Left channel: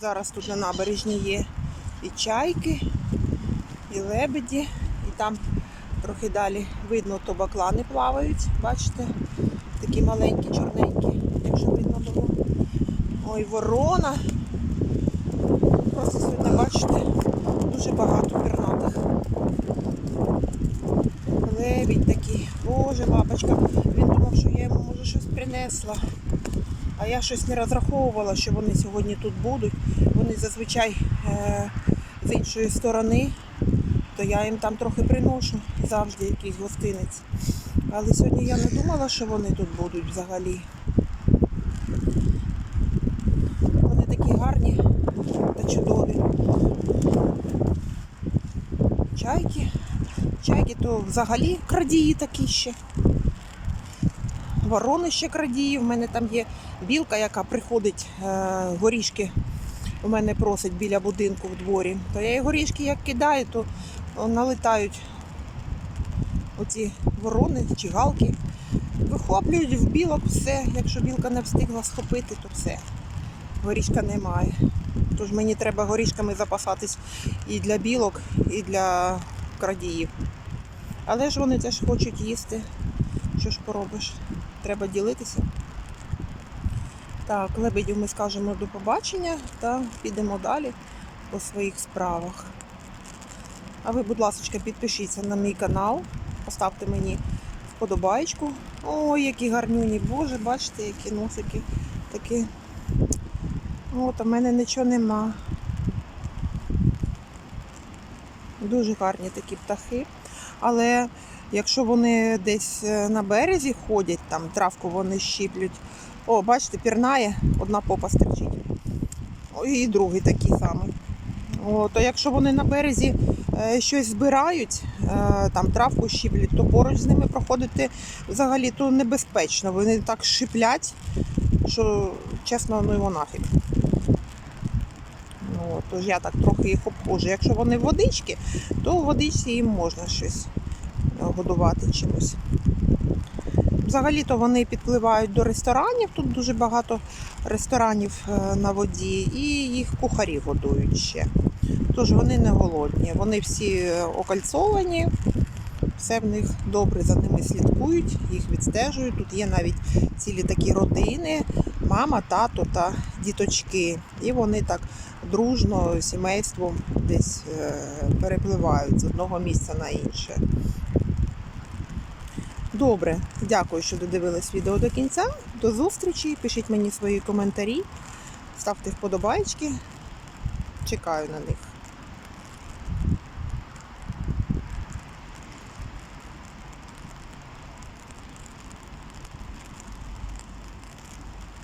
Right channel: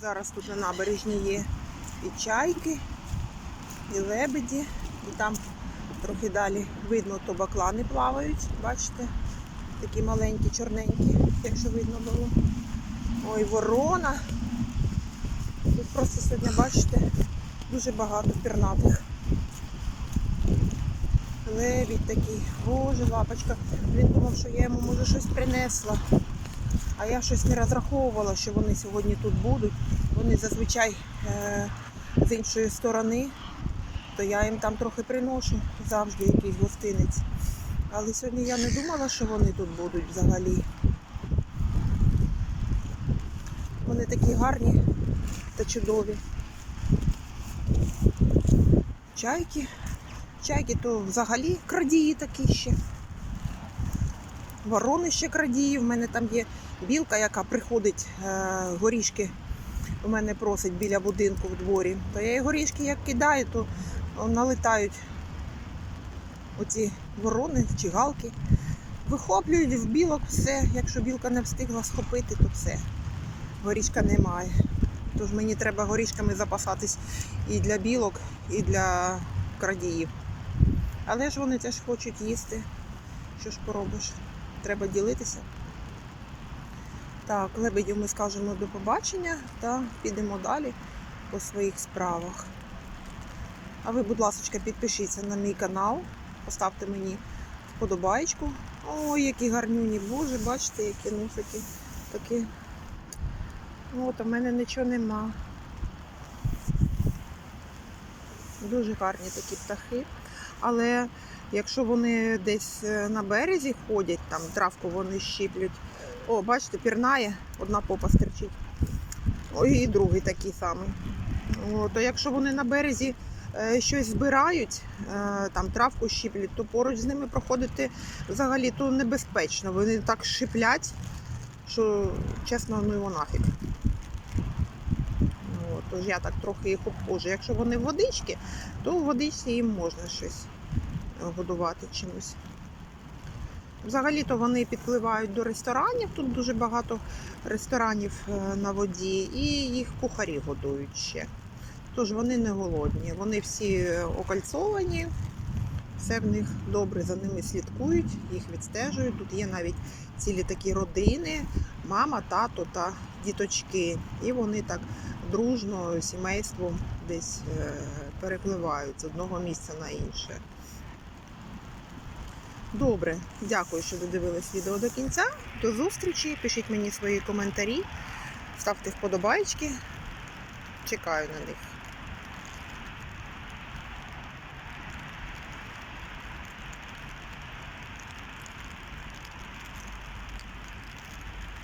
Зараз тут на набережні є і чайки, і лебеді, і там трохи далі видно, то баклани плавають. Бачите? Такі маленькі, чорненькі, якщо видно було. Ой, ворона. Просто сьогодні, бачите, дуже багато пернатих. Лебідь такий, боже, лапочка. Він думав, що я йому може щось принесла. А я щось не розраховувала, що вони сьогодні тут будуть. Вони зазвичай е- з іншої сторони, то я їм там трохи приношу завжди якийсь гостинець. Але сьогодні я не думала, що вони тут будуть взагалі. Вони такі гарні та чудові. Чайки. Чайки то взагалі крадії такі ще. Ворони ще крадії. У мене там є білка, яка приходить е, горішки. У мене просить біля будинку в дворі. То я їй горішки як кидаю, то налетають оці ворони чи галки. Вихоплюють в білок все. Якщо білка не встигла схопити, то все. Горішка немає. Тож мені треба горішками запасатись і для білок, і для крадіїв. Але ж вони теж хочуть їсти. Що ж поробиш? Треба ділитися. Так, лебедю ми скажемо до побачення та підемо далі по своїх справах. А ви, будь ласка, підпишіться на мій канал, поставте мені вподобайку. Ой, які гарнюні, боже, бачите, які носики такі. От, а в мене нічого нема. Дуже гарні такі птахи. Але якщо вони десь е, на березі ходять, там травку вони щіплють. О, бачите, пірнає, одна попа стерчить. І другий такий самий. О, то якщо вони на березі е, щось збирають, е, там травку щіплять, то поруч з ними проходити взагалі то небезпечно. Вони так шиплять, що чесно, ну його нафіг. Тож я так трохи їх обходжу. Якщо вони водички, то в водичці їм можна щось е, годувати чимось. Взагалі-то вони підпливають до ресторанів. Тут дуже багато ресторанів е, на воді, і їх кухарі годують ще. Тож вони не голодні. Вони всі е, окальцовані, все в них добре за ними слідкують, їх відстежують. Тут є навіть цілі такі родини, мама, тато та діточки. І вони так дружно сімейством десь е, перепливають з одного місця на інше. Добре, дякую, що додивились відео до кінця. До зустрічі. Пишіть мені свої коментарі, ставте вподобайки. Чекаю на них.